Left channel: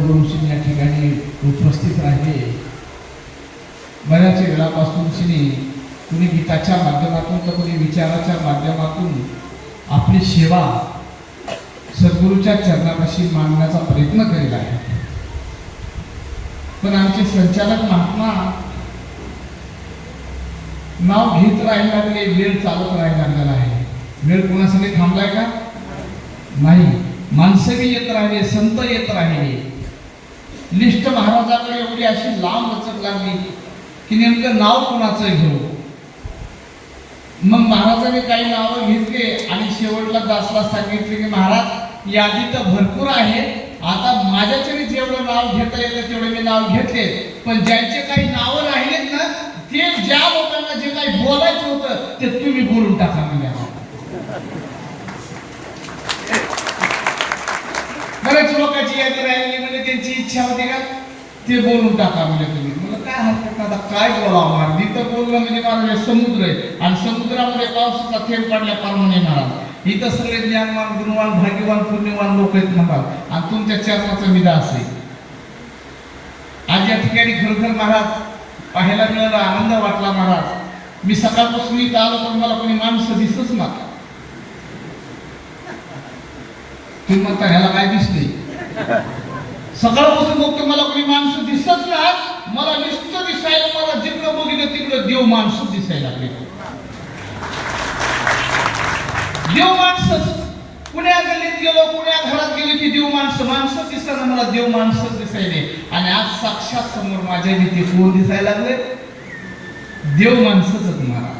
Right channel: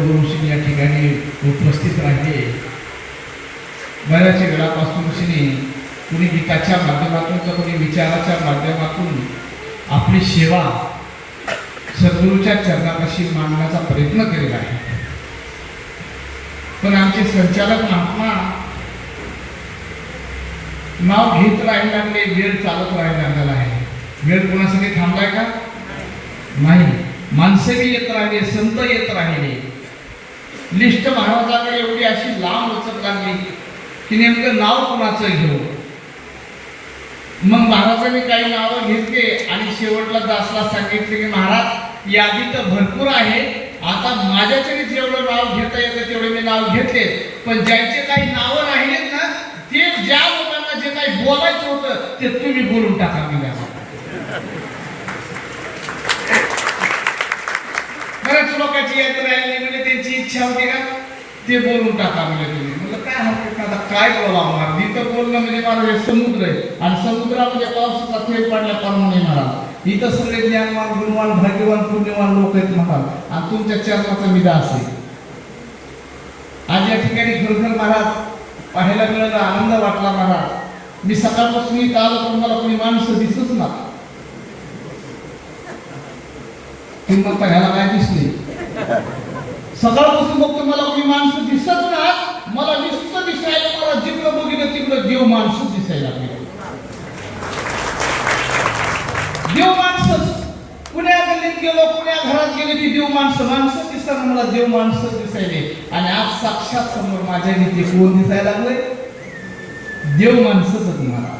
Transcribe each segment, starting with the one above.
दररोज या ठिकाणी उपस्थित राहिले. बऱ्याच वेळापासून कुणी गीताच्या माध्यमातून तर कुणी विचाराच्या माध्यमातून आपली सेवा सद्गुरूच्या चरणापाशी मांडण्याचा प्रयत्न केलेला आहे. पण आमचे संचालक महात्मा नाव घेत राहायला लागले, वेळ चालत राहायला लागलेला आहे. वेळ कोणासाठी थांबलाय का? नाही. माणसे बी येत राहिले, संत येत राहिले. लिस्ट महाराजाकडे एवढी अशी लांब लचक लागली की नेमकं नाव कोणाचं घेऊ. मग महाराजांनी काही नावं घेतली आणि शेवटला दासला सांगितले की महाराज यादी तर भरपूर आहे, आता माझ्याकडे जेवढं नाव घेता येतं तेवढे मी नाव घेतले, पण ज्यांचे काही नावं राहिलेत ना ते ज्या लोकांना जे काही बोलायचं होतं ते तुम्ही बोलून टाका. बरेच लोकांची यादी राहिली म्हणजे त्यांची इच्छा होती का ते बोलून टाका म्हणजे तुम्ही. मला काय हरकत नाही, काय बोलावं. इथं बोलणं म्हणजे मला समुद्र आहे आणि समुद्रामध्ये पावसाचा थेंब पडल्याप्रमाणे महाराज इथं सगळे ज्ञानवान, गुणवान, भाग्यवान, पुण्यवान लोक आहेत महाराज आणि तुमच्या चरणाचा विलास आहे. आज या ठिकाणी खरोखर महाराज पाहायला मिळाला, आनंद वाटला महाराज. मी सकाळपासून इथं आलो पण मला कोणी माणसं दिसतच ना. तुम्ही म्हणता ह्याला काय दिसते? सकाळपासून बघतो मला कोणी माणसं दिसत ना. मला नुसतं दिसायला, मला जिकडं बघितलं तिकडं देव माणसं दिसायला लागले. देव माणसं. पुण्या गल्लीत गेलो, पुण्या घरात गेले की देव माणसं दिसताना मला देव माणसं दिसायले. आणि आज साक्षात समोर माझ्या भीती कोण दिसायला लागले? देव माणसंच महाराज.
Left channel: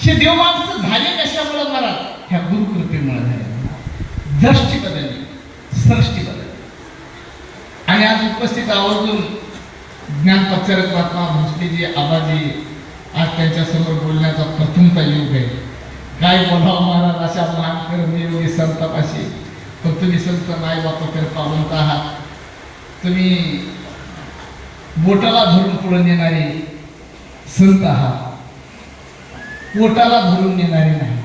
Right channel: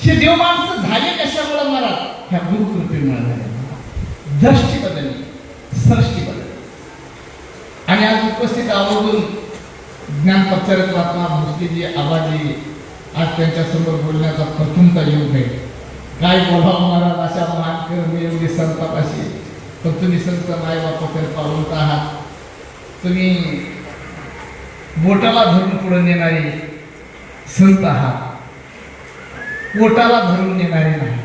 हे देव माणसं झाले कशामुळे महाराज? ह्या गुरुकृपेमुळे झाले. दृष्टी बदलली, सृष्टी बदलली. आणि आज उपस्थित आवर्जून ज्ञानप्रचारक महात्मा भोसलेजी, आबाजी आज त्यांच्या समोर बोलण्याचा प्रथमता योग आहे. काय बोलावं महाराज अशा महान एवढी संतापाशी. पण तुम्ही संत नाही बापा पावलत आहात. तुम्ही बोटाला धरून पुढे नेणारे संत आहात. पोटाला धरून नेणारे नाही,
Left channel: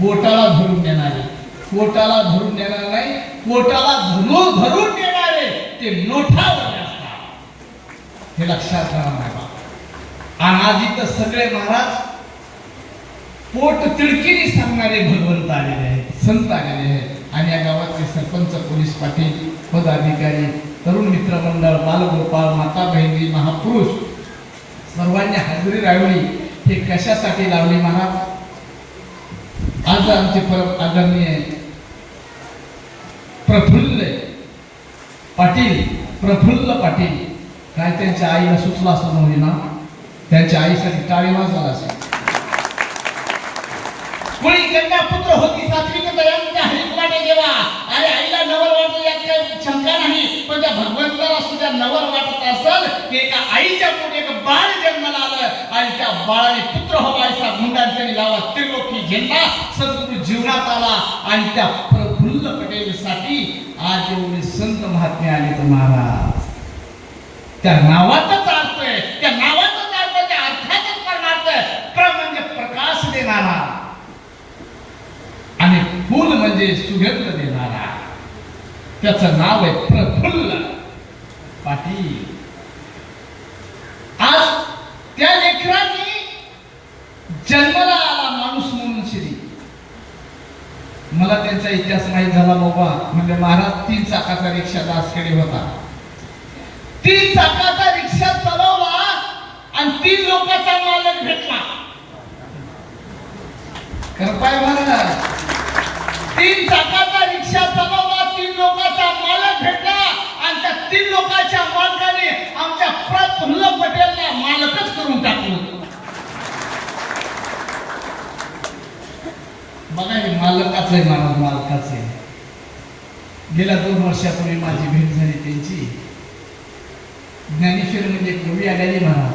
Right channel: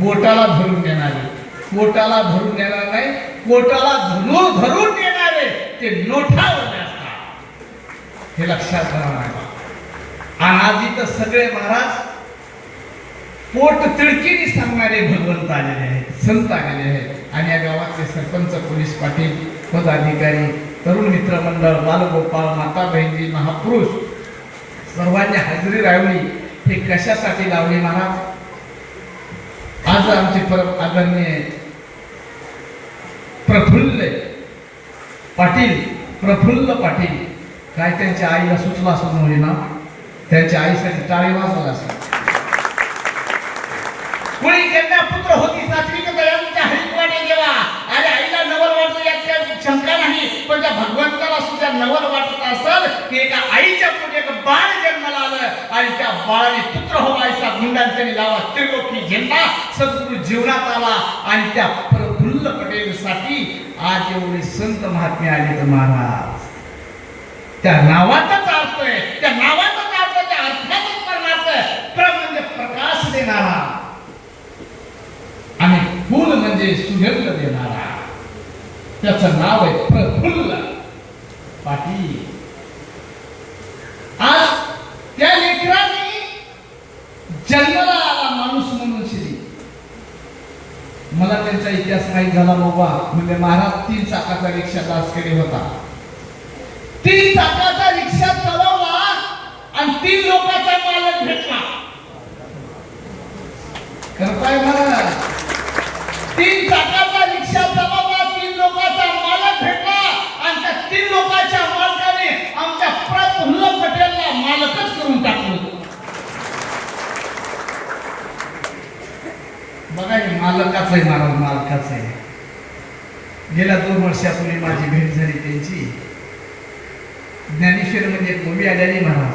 बोटाला धरून नेणारे. पोटाला धरून नेणार नाही, पोटाला धरून नेणारे ते नोठावर असतात. हे लक्षात राहा. आणि आज इथं सगळे महाराज पोट तिडकीने सांगणारे भगवंत आलेले आहेत, संत आलेले आहेत. आणि या गावातले सरपंच, पोलीस पाटील, पदाधिकारी, तरुण मित्र मंडळ, बालगोपाळ, माता बहिणी, महापुरुष सर्वांनी हजेरी लावली. हे कशासाठी लावली महाराज? आज आमचे परम आदरणीय प्रफुल्ल पाटील काय त्यांच्या आईला सुचला असं होईल ना, त्यांच्या आईसाठी टाळी वाजवला असेल. कोणी कन्या पुत्र होती सात्विक दयांच्या हरिपाठे देवा. अरे आईला नवल वाटतं यात काही शंका नाही, पण त्या भगवंताला सुद्धा नवल वाटत असेल की एका आईच्या पोटी एक बाळ जन्माला आलं आणि त्या बाळाने पुत्र व्हायचा गुंडांनी लावा त्रिलोकी झेंडा सद्गुरू जीवनात आला. आणि त्या प्रफुल्ल पटेलसाठी आज एवढे संत महात्मे आले तर महाराज त्या नावातच अर्थ आहे, त्या नावातच अर्थ, त्या अर्थातच परमार्थ. प्र म्हणजे प्रकाश देणारा आणि फुल म्हणजे सुगंध देणारा. त्याचं नाव आहे प्रफुल्ल पाटील. आज त्या लेकरांनी जन्माला आला माणूस म्हणून श्री. मला त्यांचा इतिहास माहीत झाला बाबा. म्हणजे महाराज 3 चाकाचा रिक्षा दासकडे होता. 3 चाकाचा रिक्षा चालवला आणि 3 लोकांचा मालक भेटला. करपाय महाराज 3 चाकाचा रिक्षा चालवला, 3 लोकांचा मालक भेटला आणि त्या 3 लोकांच्या मालकाने आमच्या प्रफुल्ल पटेलला मालकच करून टाकलं. बघा हे मालकाच आहे महाराज, मालकाच आहे. गेल्या 2 वर्षापूर्वी माझी भेट झाली त्यांची. ज्ञानेश्वर मध्ये एक मूवी आलेली महाराज.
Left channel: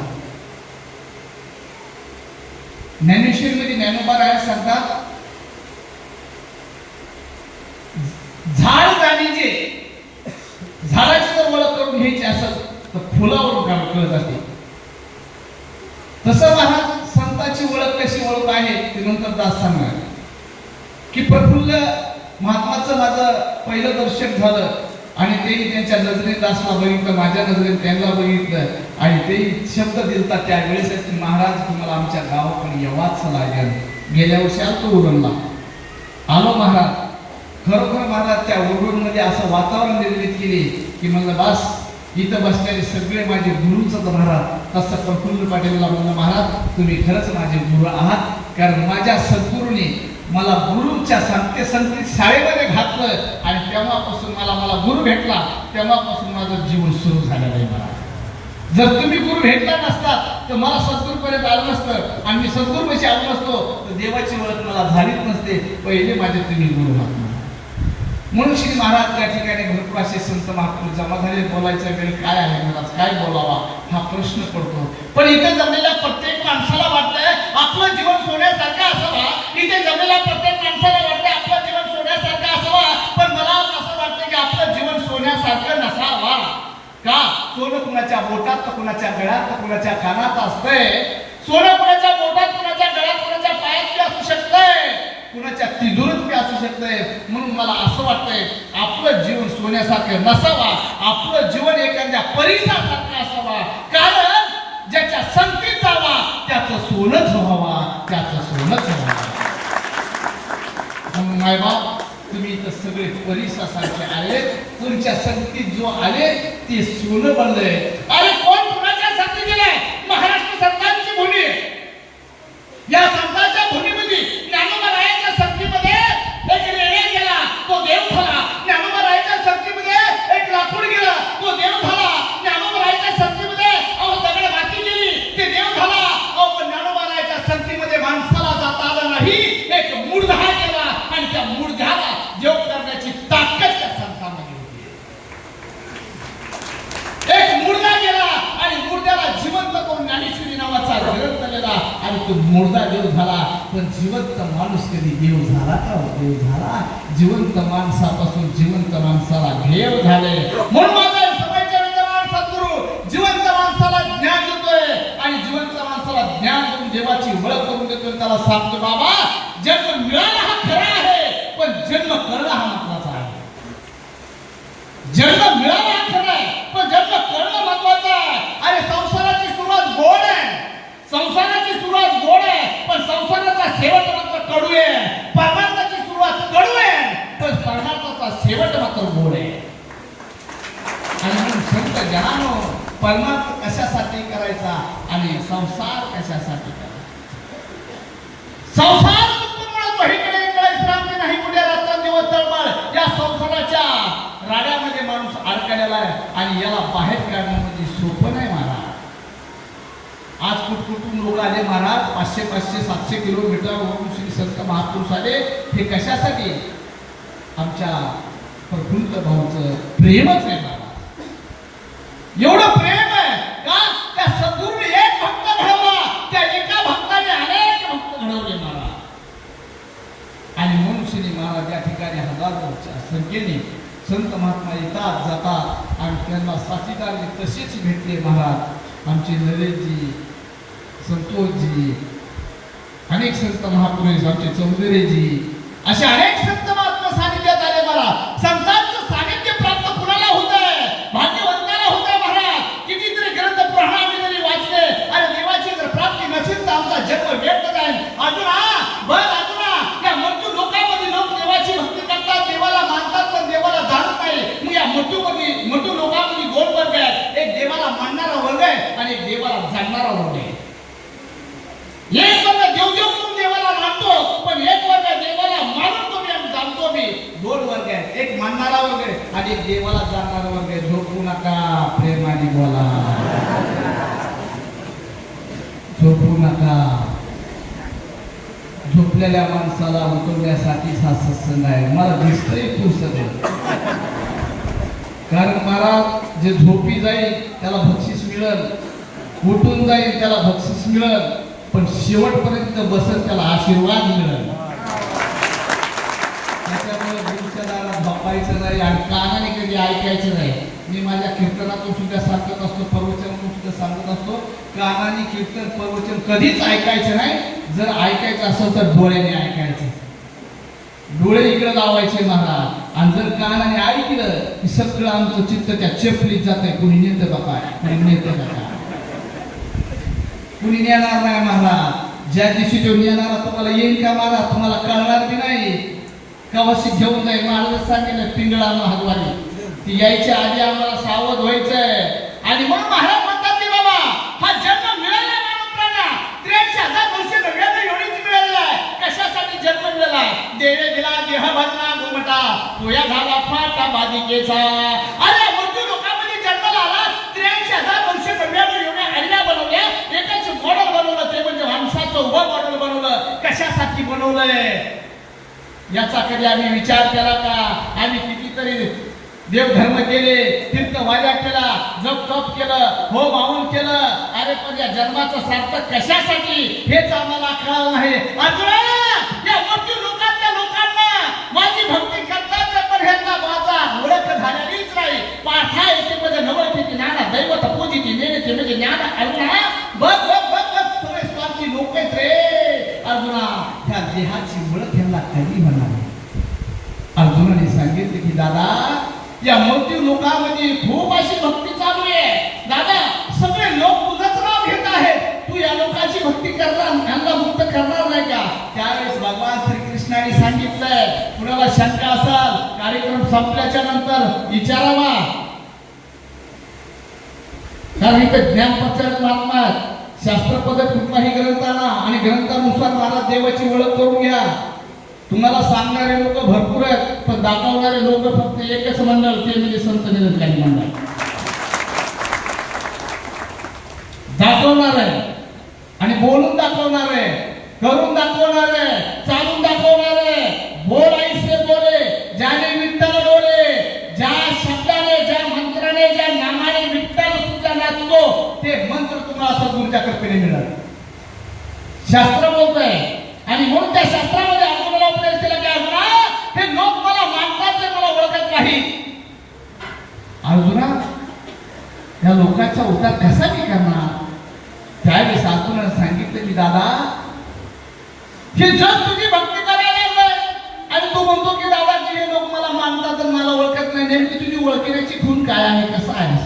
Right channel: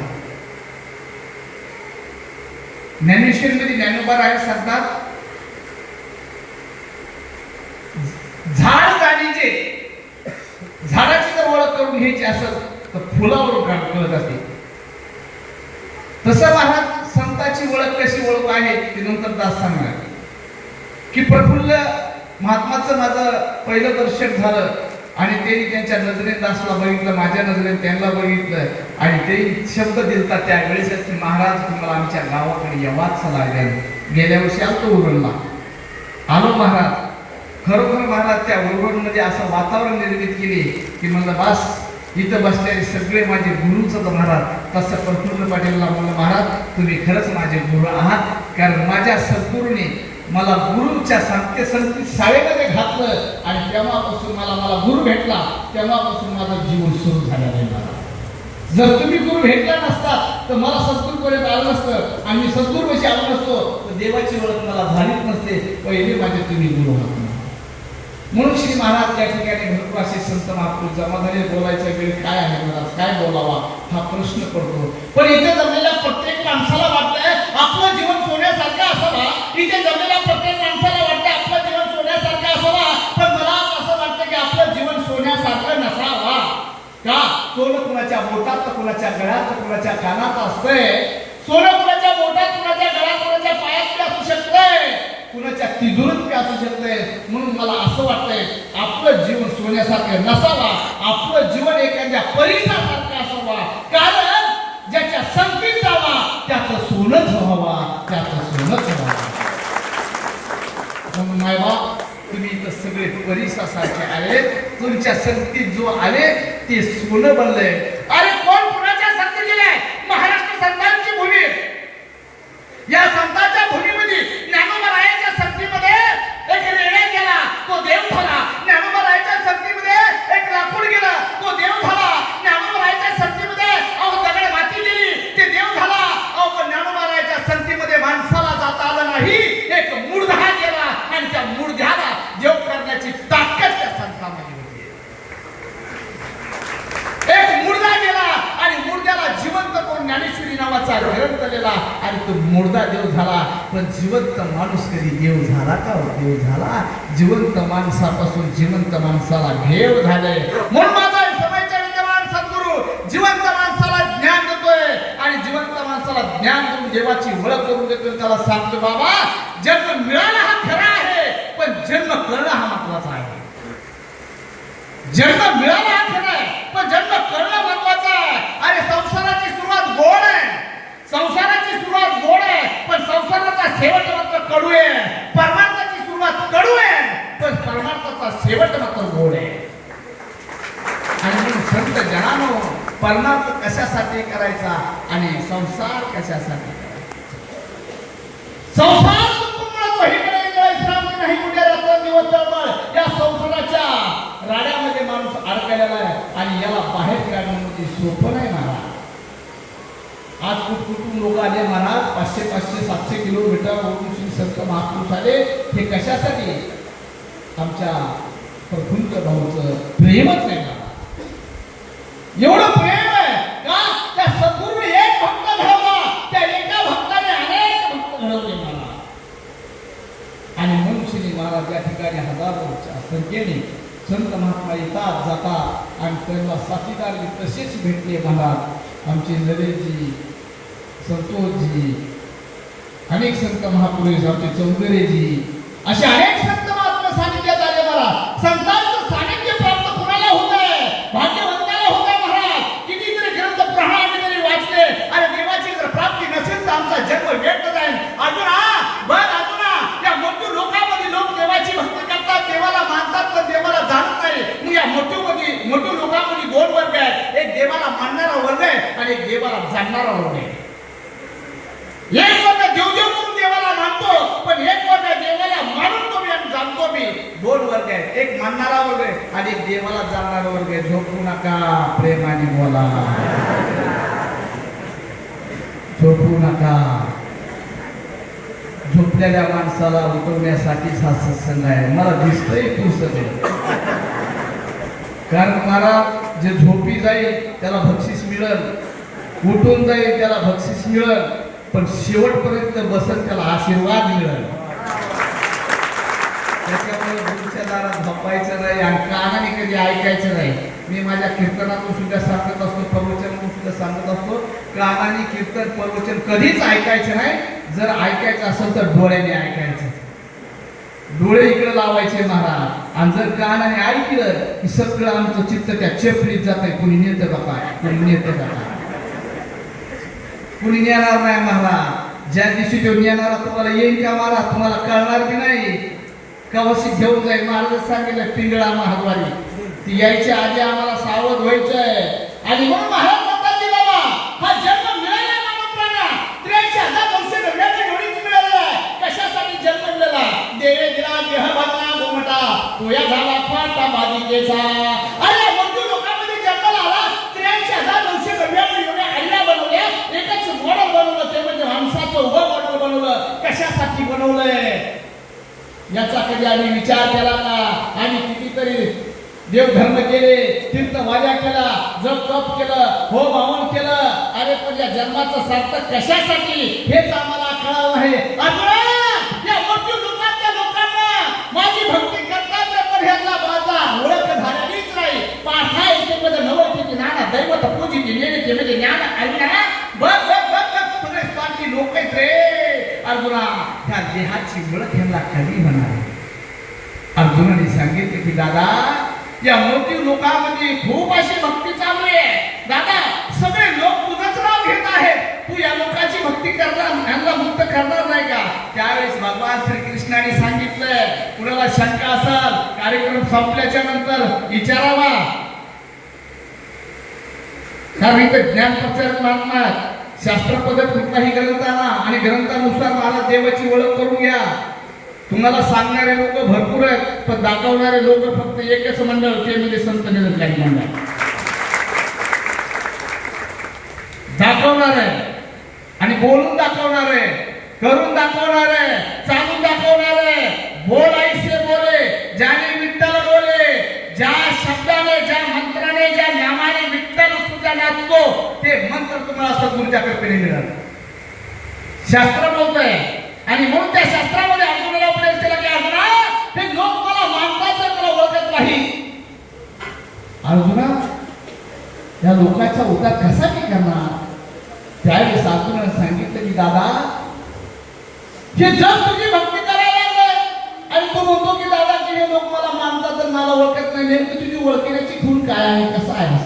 ज्ञानेश्वर मध्ये ज्ञानोबा राय सांगतात झाड गाडीचे झाडाची जर ओळख करून घ्यायची असेल तर फुलावरून कळत असते. तसं महाराज संताची ओळख कशी ओळख आहे ते नंतर दास सांगणार की प्रफुल्ल महात्माचं माझं पहिलं दर्शन झालं आणि तेही त्यांच्या नजरेने दासला बघितलं, माझ्या नजरेने त्यांना बघितलं आणि तेही शब्द दिलता त्यावेळेस की महाराज तुम्हाला आमच्या गावाकडे यावाच लागेल. गेल्या वर्षी आलो उरणला, आलो महाराज. खरोखर महाराज त्या उरणमध्ये असं वातावरण निर्मित केले की म्हणलं बस इथं बसलेले सगळे माझे गुरुच महाराज. तसं प्रफुल्ल पाटीलला म्हणलं महाराज तुम्ही खरंच माझे गुरु आहात, कारण माझ्या सद्गुरूने मला गुरुच्या सांगते शाळेमध्ये घातलं आणि तेव्हापासून मला गुरु भेटला, तेव्हापासून माझं जीवन सुरू झालं आहे. जर तुम्ही गुरु भेटला नसतात तर मला सद्गुरूपर्यंत आलं नसतं आणि मी सद्गुरूपाशी आलो नसतो तर देवाची ओळख मला झालीच नसते. पहिले माझे तुम्ही गुरु आहात. म्हणून श्री महाराज त्या ठिकाणी भरपूर असे संत महापुरुष जमा झाले. बोलायचा वेळ काय आहे महाराज, काय बोलावा हा प्रश्न पडतो. पण इथे जमलेल्या प्रत्येक माणसाला वाटतंय आपलं जीवन सोन्यासारखं असावा. इथे जमलेल्या प्रत्येक माणसाला वाटतंय आपलं जीवन सोन्यासारखं असावा. पण मला असं वाटतं की आपलं जीवन सोन्यासारखं नसावा. का? सोनं कुणाच्या बोटात तर कुणाच्या गळ्यात तर कुणाच्या कानात असतंय. सोनं कुणाच्या बोटात, कुणाच्या गळ्यात, कुणाच्या पायात असू शकतंय, कुणाच्या तिजोरीत असू शकतंय. म्हणून मला असं वाटतंय आपलं जीवन सोन्यासारखं नसावा, आपलं जीवन एखाद्या परिसासारखं असावा. कारण ज्याच्या संगतीत जावा त्याचं सोनंच व्हावा, त्याचं सोनंच व्हावा. मायबाप तुम्ही इथं सगळे परिसासारखे आले, तुमच्या संगतीत जो आले ते सोनं बनले. अरे कोण कुणाच्या संगती दिलाय? महाराष्ट्र संतांची भूमी. या संतांच्या भूमीमध्ये ज्ञानोबरायांच्या संगतीमध्ये एक रेड्या गेला तो देव झाला. ज्ञानोबरायांच्या संगतीमध्ये एक लाकूड गेला तो देव झाला. ज्ञानोबरायांच्या संगतीमध्ये दगड माती गेली ते देव झाला. पण ज्ञानोबरायांच्या संगतीमध्ये माणसाला जाता आलं नाही. एक मूर्धा गेला आणि त्या मूर्ध्याला देव करण्याची ताकद त्या संतांमध्ये होती. एक मूर्धा गेला आणि मूर्ध्याला जिवंत करून ज्ञानेश्वरी नावाचा ग्रंथ लिहिला आणि तो मूर्धा देव झाला. पण जिवंत माणूस कधी देव झाला का? देव झाला जिवंत माणसापासून जिवंत माणसाला देव झाले. म्हणून माझा समयच्या विद्यमान सद्गुरू जिवंत माणसाला ज्ञान देतोय आणि जिवंत माणसाला ज्ञान देऊन देवाची ओळख करून देतोय. त्याला सांगतो बाबा जन्म मिळाला हा खरा आहे, पण जन्म करणं हा महत्वाचा आहे. जन्म मिळाला हा खरा आहे, पण जन्म करणं महत्वाचं आहे. अरे संसाराची सुरुवात गोड आहे, संसाराची सुरुवात गोड आहे, पण संसाराचा शेवट मात्र कडू आहे. परमार्थाची सुरुवात कडू आहे, पण परमार्थाचा शेवट मात्र गोड आहे. आणि संत जनानो परमार्थ कशासाठी करायचा आणि संसार कशासाठी करायचा? संसार नाही कुठे राहतो दिवस तळमळ. या संसाराच्या राड्यामध्ये माणूस अडकलेला आहे आणि याला बाहेर काढणं म्हणजे सोपं नाही महाराज. आज कुठकुठून लोक आले महाराज, 500-700 किलोमीटरवरून श्री संत महापुरुष आले. हे कशासाठी? आमच्या प्रफुल्ल भाऊचं प्रेमच आहे महाराज. एवढं प्रेम आहे का? त्या सद्गुरूने एक भक्त घडवला, त्या एका भक्ताने अनेक भक्त घडवले महाराज. आणि मनुष्यनी महाराज या ठिकाणी हजारोच्या संख्येने संत महात्मा येतात जातात आणि त्यांना साथीदार तसेच भेटले महाराज. आमचे नरेशजी, संतोषजी, अनेक संत महापुरुष, आमचे चौधरीजी, असे अनेक संत महात्मा सानिध्यात आले महाराज. संतांचं सानिध्य प्राप्त कुणाला होत आहे? भाग्यवंताला होत आहे महाराज. कितीतरी ग्रंथ प्रहार जरी वाचले, अरे देवाची जर प्राप्ती नसेल तर आमचा जन्म व्यर्थ जाईल. अजून या मोठ्या लोकांमध्ये लोक देवाची भक्ती करतात, देवाला मानतात, पण देवाला जाणत नाही. मग या मोठ्या लोकांमध्ये दोन वर्ग आहेत. एक देवाला मानणारा वर्ग आहे आणि एक देवाला जाणणारा वर्ग आहे. एक वर्ग देव करून देवाला मानतो, पण एक वर्ग देवाला मानून तो मी आणि जाणतो मी. दोन वर्ग आहेत, एक मानणारा वर्ग आहे आणि एक देवाला जाणणारा वर्ग आहे. झोपू नका, प्रेमाने बोला. झोपू नका. झोपलेल्या माणसाला उठवण्यासाठीच हा सत्संग आहे. मला दिसतंय तू सगळं. कारण महाराज जे झोपी जाईल त्याला बक्षीस मिळेल, उठून जाईल त्याला बक्षीस मिळेल, पण शेवटपर्यंत बसेल त्याला आशीर्वाद मिळेल. त्याच्यामुळे गुरुच्या दारात झोपायचं नाही आणि कानाने कधी ऐकायचं नाही. मी माझ्या कीर्तनातून सुद्धा सांगत असतो, प्रवचनातून सुद्धा सांगत असतो, कानाने कीर्तन प्रवचन कधीच ऐकायचं नाही. जर ऐकायचं असेल तर डोळ्याने ऐकायचं. डोळे इकडे लावायचे महाराज, आणि जर कानाने ऐकलं की सगळं आमचं चित्त त्या चेपलीत जात आहे. कुणी नेतं का काय, कुणी नेतं का काय, कुणी नेणार नाही महाराज. ज्या दिवशी तो नेणारा तुम्हाला येईल का महाराज, तुम्हाला कळणार की नाही. कवाशी घेऊन जाईल. महाराज सांगितलं पिंगळा महाद्वारी, ती यायच्या आधी आम्हाला सावध व्हायचंय. आणि म्हणून महाराज म्हणतात की बाबा हा जन्म मिळाला मानव प्राण्या 83,000 वर्ष घडल्याने एवढीच मिळालेला आहे. कशासाठी जन्म मिळाला. देवे दिला देह भरला गोमटा, तोया झाला फाटा बाधिकेचा. अरे मृत्यू लोकांमध्ये जन्माला आला. 83,000 वर्ष घडल्याने एवढ्या आडव्या बनवल्या. एकच मॉडेल बनवलं, ते म्हणजे माणसाचं उभं मॉडेल बनवलं. कशासाठी बनवलंय याचा कधी आम्ही विचार केला का. आम्ही कितीतरी देवधर्म केले, तीर्थवाड्या केला, जप तप केलं, होम हवन केलं. अरे पण या जन्माचं सार्थक कशासाठी हेच आम्हाला कळलं नाही. या मृत्यू लोकांच्या लोकांना माझी भक्ती करतात पण ह्यांना माझा ओळख झालेलीच नाही. पाठा येते मध्ये नवळते ज्ञान दैवत पूजिते नेते म्हणजे ज्ञान. अर्जुना बघ बघ बघ बघ सगळे स्वार्थी लोक आहेत रे. अर्जुना ह्या देहाची ओळख ह्यांना कधी होणार. अर्जुनाने सांगितले की दादा या मृत्यू लोकांमध्ये खूप अशी भक्ती चालू आहे. दादा सगळे लोक तुझंच नाव घेत आहेत, तू या लोकांची भक्ती करणार, यांना मुक्त करणार नाही का. त्यावेळेस भगवान श्रीकृष्णाने सांगितलंय, कुणाला शंका असेल कार्यक्रम संपल्याच्या नंतर विचारावा. कारण इथे ज्ञानप्रचार लागणार. शास्त्र पद्धत कुठलाही ग्रंथाला आणि ग्रंथानुसार महाराज देवाची ओळख करून घ्या. तुम्हाला सांगणारे लोक भरपूर आहेत, पण दाखवणारे लोक फक्त एकच मंडळ, ते म्हणजे संत निरंकारी मंडळ. दाखवणार आहे आणि बोलून दाखवणार आहे, करून दाखवणार आहे, चालून दाखवणार आहे. बोल ऐसे बोले ज्याने विठ्ठल बोले. ज्या शब्दाने, ज्या मंत्राने, ज्या नामाने विठ्ठल सुद्धा नाचतो ते मंत्र तुम्हाला सद्गुरूच्या कृपेने मिळाल. शास्त्र बोलतंय आणि म्हणून त्या शास्त्रामध्ये अर्जुनाला उपदेश केला की अर्जुना हे लोक मला मानतात ते मला ओळखत नाही. अर्जुना या लोकांचा उद्धार कसा मी करणार. त्यावेळेस अर्जुनाने सांगितलं की दादा हे जग तुझी भक्ती करायला लागलं आणि तू म्हणतो की दादा की हे लोक मला मानतात तर मला ओळखत नाही. नेमकी तुझी ओळखण्याची खून काय आहे, कसं आहे.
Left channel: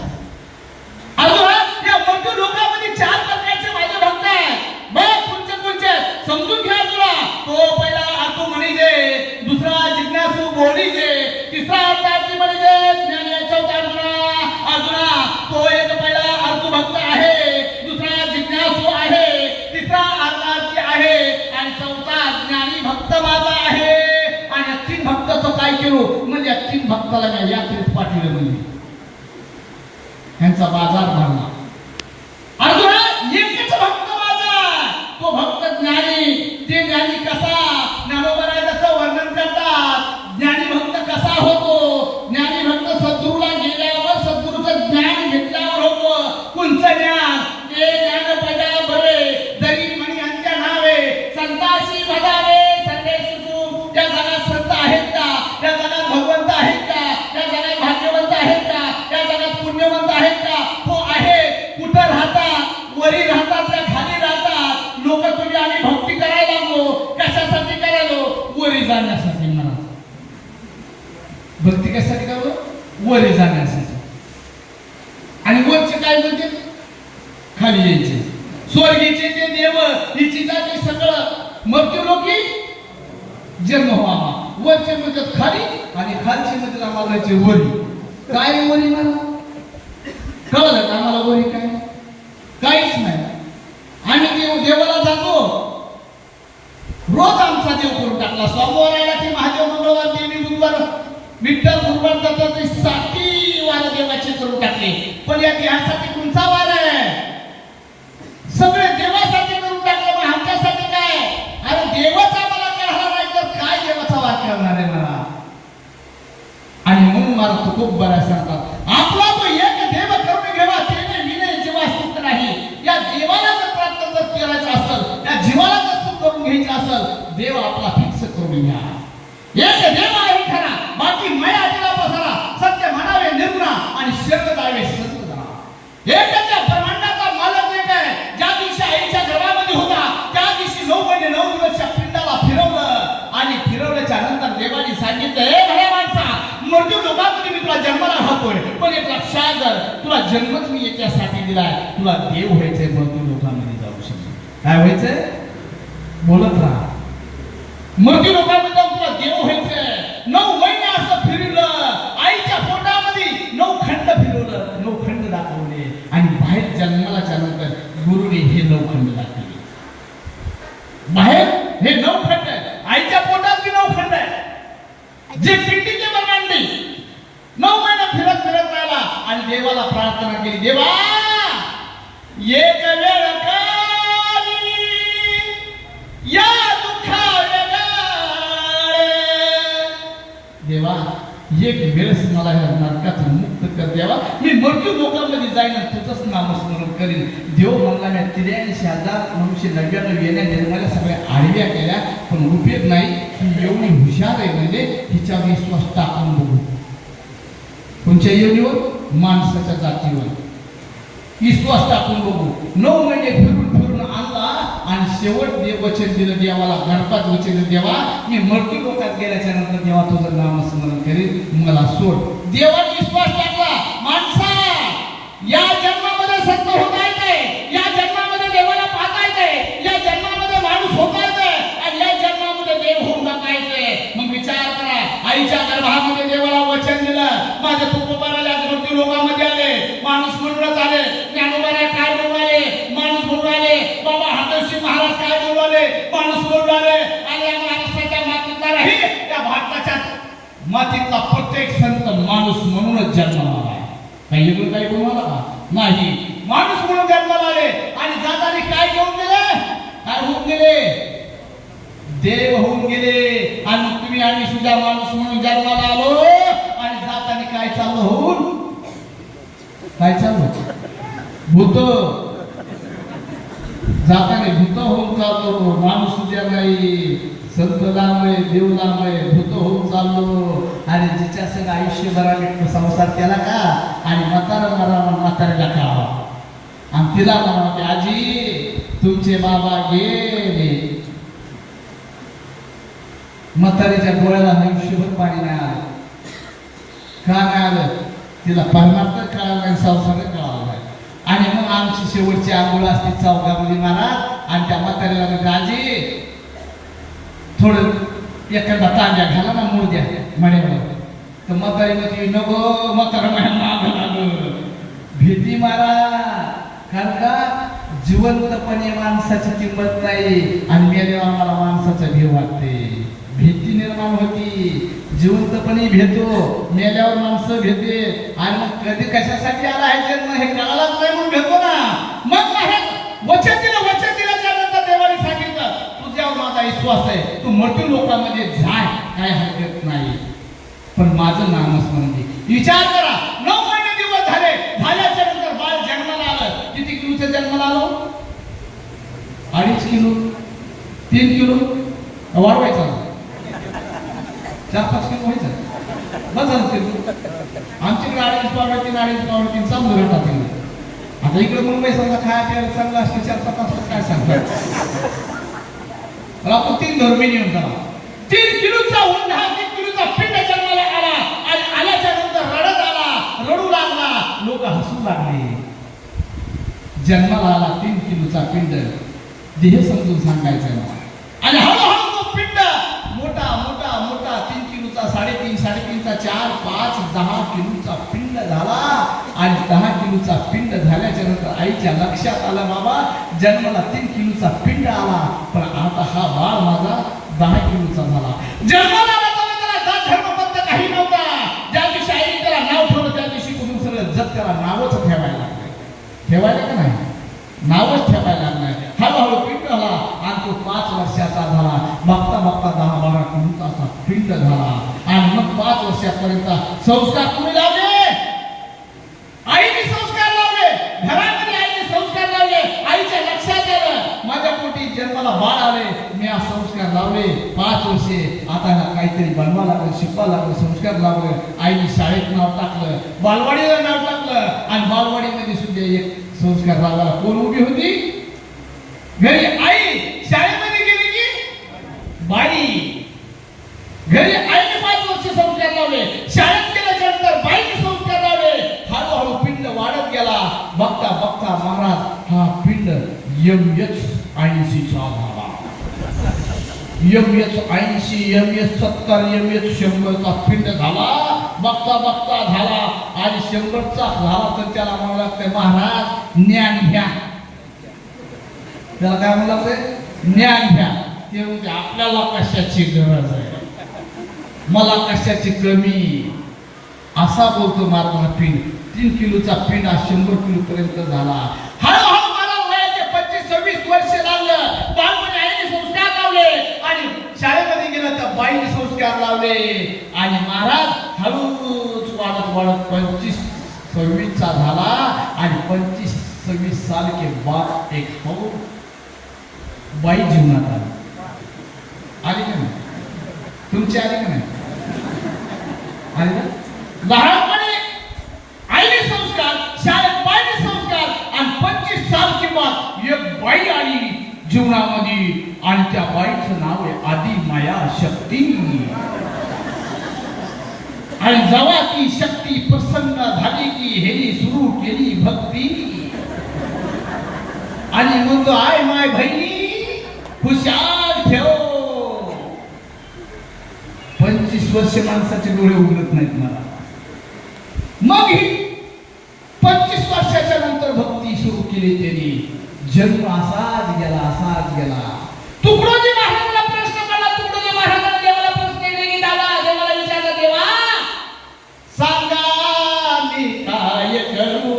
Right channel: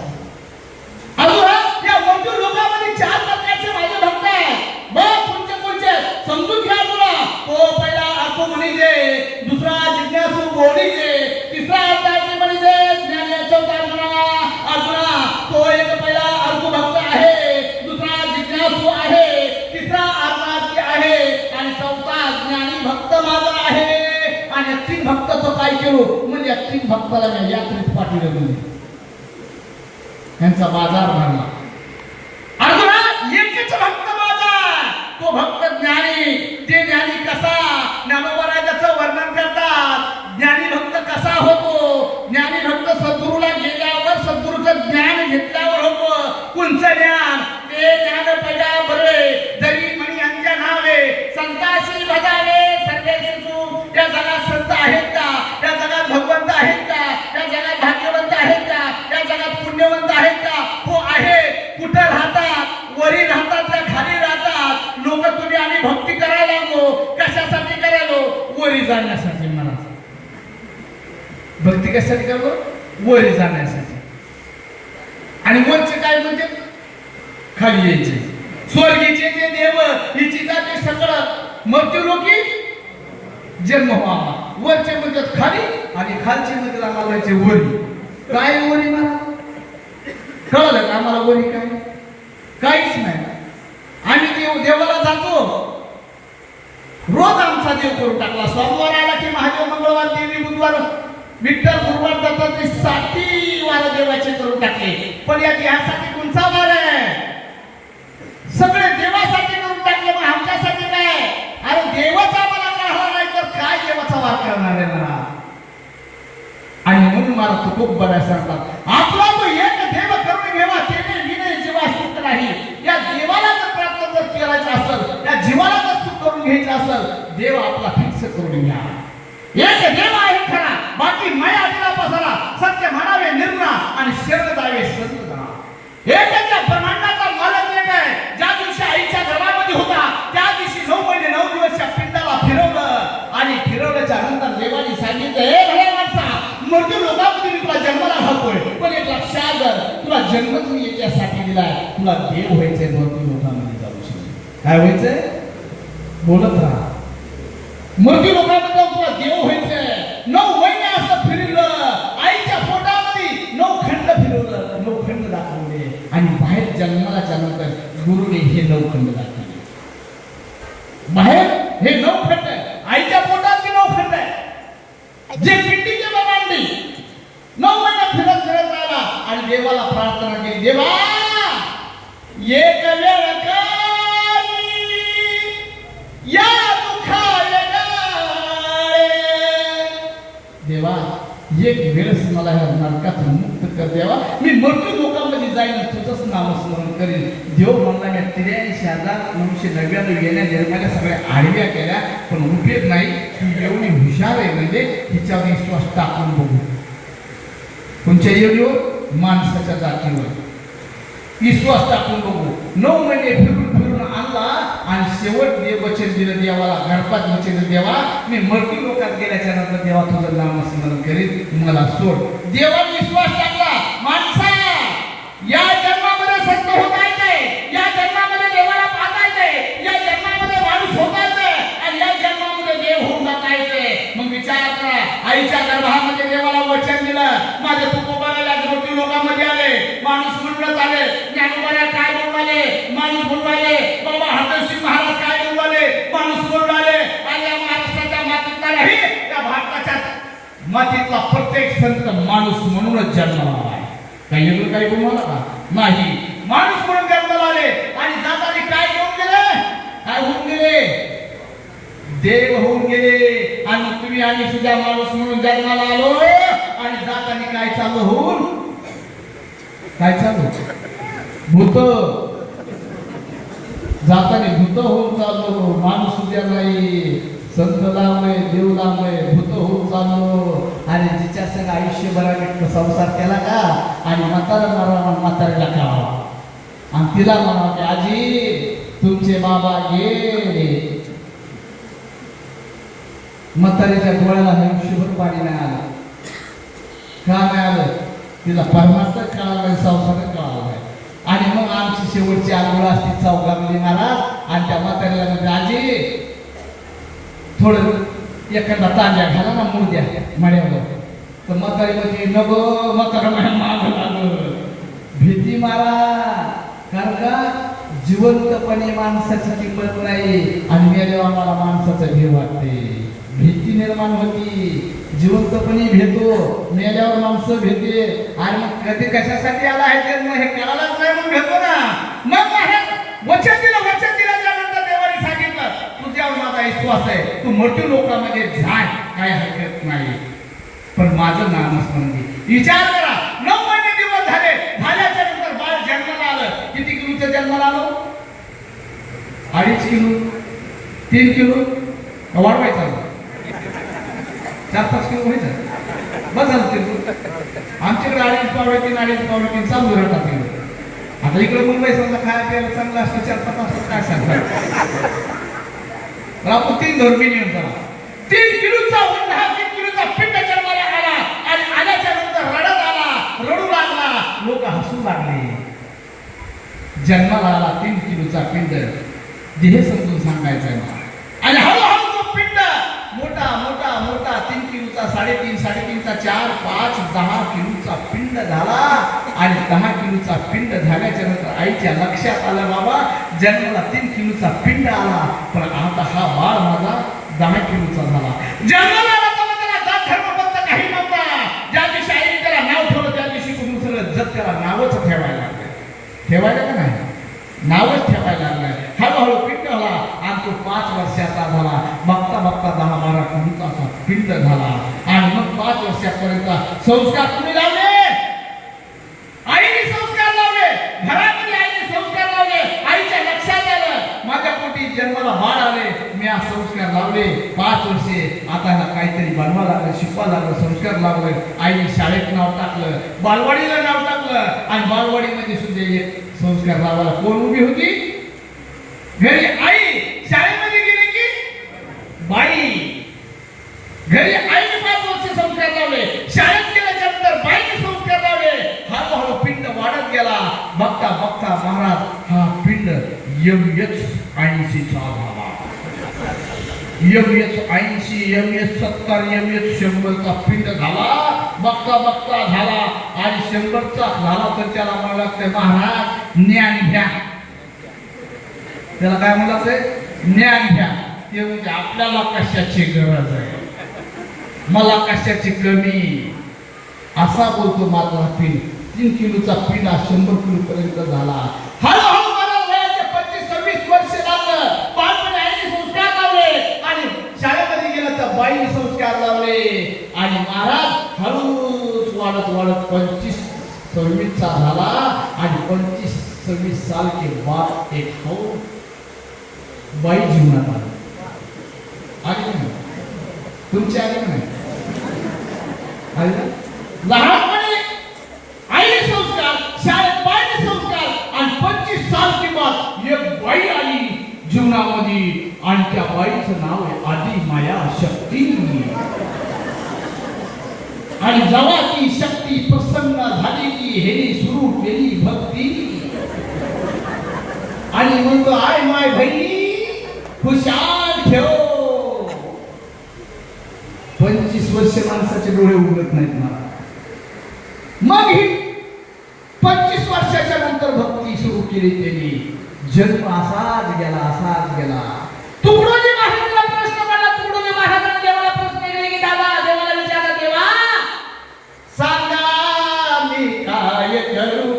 अर्जुना या मृत्यू लोकांमध्ये 4 प्रकारचे माझे भक्त आहेत. बघ कोणते समजून घ्या. तुला तो पहिला अर्थ म्हणीजे, दुसरा जिज्ञासू बोलीजे, तिसरा अर्थ म्हणीजे ज्ञानी. चौथा अर्जुना तो एक पहिला अर्थ भक्त आहे, दुसरा जिज्ञासू आहे, तिसरा अर्थ आहे आणि चौथा ज्ञानी भक्त माझा आहे. आणि 3 भक्ताचं काय केलो म्हणजे 3 भक्ताला यात्रेत पाठवलं म्हणजे यांचा बाजार भरला. अर्जुना एकच भक्त माझा, तो भक्त ज्ञानी. ते ज्ञानी कसा, ज्ञानोबराजाचं वर्णन करतात. ज्ञानी भक्त कसा होतो. ज्ञानी भक्त सद्गुरूला गेल्यावर सद्गुरूचं ज्ञान घेतल्यावर होतो. कोणचं ज्ञान. ते ज्ञान पजा बरे जरी म्हणी अंत्य नावे संतासी भजावे सर्वेशी तू. त्या जगात संत आहेत का, त्या जगात भगवंत आहेत का, त्या जगात भाग्यवंत आहेत का, त्या जगात पुण्यवंत आहेत का. हो आहे. कुठे राहतात. वरी राहतात का खाली राहतात. लोक तुम्ही आम्ही भक्ती करायला लागलो. कशासाठी करायलो. वरी जाण्यासाठी. मला भक्ती कशासाठी करावं. वरी जाण्यासाठी. आणि वरचे काय म्हणते खाली यायचे. स्वर्गीचे जे देव हिची जाते सगळं मृत्यू लोकी जन्म व्हावा. वरचे म्हणतात खाली आणि खालचे म्हणतात आम्हाला जायचे वरी. काय वरी मला कळलं का आम्हाला वरी काय. काहीच नाही. आम्ही देवाला जातो. रोज आमचा देव करून टाकला. सोमवार आला की महादेव, मंगळवार देवी, बुधवार विठ्ठल, गुरुवार जातात ते 7 वार देवाचे करून टाकले. पण या देहासाठी कोणता वार आहे. सगळे देवासाठी करून टाकले. पण आमच्यासाठी काय. अरे देवाचा मला कळला नाही तर काय देवाचा वार करणार आहे मला. आणि म्हणून मला खूप बऱ्या सांगतात आपला तो एक देव करून घ्यावा त्याने विनय जीवा सुख नाही. या देवाला जर प्राप्त जर करायचं असेल, या जीवाला जर सुख करून घ्यायचं असेल, देव आपला फिक्स करून घ्या. एक देव आहे खरा, बाकी माया दिला पसरा. सत्य म्हणावे निर्णा आणि शरण जावे संत बना. एकच ब्रह्मांडाचा मालक एक आहे. ज्या दिवशी आईच्या गर्भामध्ये होता त्या दिवशी 9 महिने 9 दिवस पिंडाला फिरवलं आणि फिरवल्याच्या नंतर यासाठी दिलाय, तुला देव व्हायचंय मृत्यू लोकांमध्ये जाऊ शकतो. काय व्हायचंय? बोलत राहा. मृत्यू लोकांमध्ये जाऊन तुला देव व्हायचंय. 9 महिने असं फिरलं, आईच्या पोटामध्ये 9 खंड फिरवलं, 9 खंड दाखवले आणि बाहेर जन्माला नंतर गुरुने हे 9 खंड दाखवले. बाहेर हे 9 खंड आहे, आईच्या पोटात बी 9 खंड आहे. जे पिंडीचे बघांडी 9 महिने फिरत फिरत राहिला आणि देवाला प्रार्थना केली, देवा एक वेळ या देवा एक वेळेस मला या नरकातून मुक्त कर देवा, मी मृत्यू लोकांमध्ये जाईन, तुझंच नामस्मरण करीन. देव म्हणला मी 83,999 येण्या निर्माल्या सगळ्या आडव्या केल्या, पण उपयोग नाही. ही एवढी हुशार आहे म्हणजे हिच्या विश्वास टाकून बघू. कोणत्या योनीवर? माणसाच्या जातीवर विश्वास टाकून बघू. 9 महिने फिरून आणला आणि शेवट देव वचन दिलं देवाला, गणपत वचन देवा मी मृत्यू लोकात गेल्याच्या नंतर देवा तुझं नामस्मरण करीन, मला सोड. देवावर विश्वास टाकला. माणसा या जन्मामध्ये सत्य होता येते, या जन्मामध्ये देवाला पाहता येते, या जन्मामध्ये माणूस होता येते आणि या जन्मामध्ये देव होऊन जाता येते. मग विचार करा, आईच्या गर्भामध्ये देवाला वचन दिलं, माझे तुकोबाला मृत्यू लोकांमध्ये आले, माणूस म्हणूनच आले. ज्ञानोबाला काय बोलवाले? माणूस बोलवाले. बाबा हातोशी महाराज काय बोलवाले? माणूस बोलवाले. आणि या महाराष्ट्राच्या मातीतला नाही, त्या भारताच्या मातीतला प्रत्येक संत माणूस म्हणूनच जन्माला आला. काही लोक काही बोलवाला का? नाही, माणूस म्हणून जन्माला आले आणि जाताना काय घेऊन गेले? काय होऊन गेले? देव होऊन गेले. आणि तुम्ही आणि सुद्धा माणूस म्हणून जन्माला आलो आणि जाताना काय चालू होऊन? काय चालू? भूत जाताने भूत होऊन चाललो. माणूस उद्या नाही, संत लांबे, देव लांबे, भूत होऊन चाललो. आणि जिच्या संग आयुष्यभराने संसार केला का आणि म्हाताऱ्याला का आणि तिला म्हणा आजी तुमचे बाबा गेले. म्हातारीच्या डोळ्याला आयुष्यभर पाणी नाही आलं. का नाही आलं? तिला परमार्थ कळाला नाही, संसार कळाला नाही. आणि मग आमची शेवटची आंघोळ असते चौकामध्ये महाराज आणि त्या म्हातारीला म्हणजे आजी थोडं एखादा तांब्या घाला ना मुर्द्या मड्यावर. तर म्हातारी म्हणजे नको, म्हातारा माग लाग भीती मारा. कारण का जिवंतपणे माणसाची किंमत नाही आणि मेल्यावर आम्हाला माणसाचं भीव वाटते, भीती निर्माण होती. जिवंतपणे भेटतो, मेल्यावर माणसं भेटते. आणि मग कधी कशासाठी आला आहे जन्म हे कळालाच नाही म्हणून भेटतो ना. मग वचन दिलं, वचन दिल्याच्या नंतर देवाने सांगितलं तुझ्यावर माझा विश्वास आहे, तू मृत्यू लोकांमध्ये जाय, काय हरकत नाही, पण माझं नामस्मरण घे. विचार करा, 9 महिने दिवस झाले, झाल्याच्या नंतर बाळ जन्माला आलं. किती किलोचं जन्माला आलो? 2.5 किलो, 3 किलो वाढवायचा, 4-5 किलो व्हायचं. बस आमच्याकडे 2.5 चालू राहतात. आता इकडे मुंबई समजा खाया प्यायला चांगला असतं, 4-5 काय सांगतात आपण 3 धर्मी नियम झाला. 3 किलोचा हुंडा, 3 किलोचा पिंड जन्माला आला आणि आल्याच्या नंतर रडत आला, रडू लागला, लोक हसू लागले. जन्माला आला 3 किलोचा पिंड, हे समजून सांगायचं. आणि हळूहळू तो पिंड मोठा मोठा मोठा 3 किलोचा, 3.5, 3.5चा 4, 5, 10 किलोचा पिंड झाला. आणि 10 किलोचा पिंड झाल्याच्या नंतर आईच्या लक्षात आलं बाबा जन्माला 3 किलोचा पिंड आला, पण आता हा बाळ माझा 10 किलोचा झाला. जन्माला आला तेव्हा त्याला जात धर्मबद्ध काही नव्हता. ज्या दिवशी आईने त्याला नाव ठेवलं त्या दिवशी तुम्ही सगळं जग त्याला नावच ठेवायला लागलं. ठेवायला का नाही? नावच ठेवायला लागलं. हळूहळू पिंड झाला आणि तो 5 वर्षाचा झाला. बघता बघता 10-12 किलोचा पिंड झाला. आणि मग 5 वर्षापर्यंत संस्कार तुम्ही लावले, आईने संस्कार लावले, घरामध्ये आईने संस्कार लावले. आईच्या लक्षात आलं माझ्या पोटी जन्माला बाळ आले, मी आज संस्कार लावले. 5 वर्षे आता काहीतरी बनवा लागलं, शिकवा लागलं, संस्कार लावले. आईने शाळेत नाव टाकलं, बालवाडीला नाव टाकलं आणि बालवाडीमध्ये सुद्धा एक संस्कार लावला. कोण उभी होती? घरी आई. शाळेमध्ये गेली की बाई. घरी आईने 5 वर्ष संस्कार लावले, शाळेत गेल्याच्या नंतर बाईने संस्कार लावले. हळूहळू पिंड वाढत गेला. बघता बघता महाराज हा पिंड MS-80चा झाला. MS-80, MS-70, MS-100चा पिंड झाला. बघता बघता झाला आणि 100चा झाला तर त्याला म्हणू लागतंय महाराज ज्ञान घ्या. त्याला काय म्हणू लागतंय? ज्ञान घ्या. ते म्हणजे आपल्याला कशाची गरज आहे, मला कशाची कमी, असा बोलतो मात्र पिंड. 3 किलोचा पिंड 100 किलो पर्यंत झाला. हळूहळू मला वयाचे 25-26 वर्ष लागलं. बालपणी आईने संस्कार लावले आणि शाळेमध्ये गेलं तर बाईने संस्कार लावले आणि महाराज हळूच वाढत वाढत 25-26चा झाला आणि 25-26 साल के बाद एक बाई जीवनात आली. आली का नाही? तुमची आली का नाही? आली का? लहानपणी आईने संस्कार, शाळेत बाईने संस्कार आणि 25 साल के बाद एक बाई आली जीवनामध्ये आणि त्या बाईचं नाव आहे आदि माया शक्ती. आणि जेव्हा ती शक्ती प्रसन्न झाली की हेने सुरू केली भक्ती आणि म्हणतो आय माय बहिणी खुशाल ठेव. 25 वर्ष माणसाचे डोळे उघडत नाहीत मला. मग ही 25 वर्षाच्या नंतर भक्ती सुरू केली त्यांनी. जन्म असाच गेला. तुकडोजी महाराजांना प्रश्न पडला. तुकडोजी महाराजांना देवाला प्रश्न केले की दादा देवाला विचारला, देवा सांगा मी काय करू,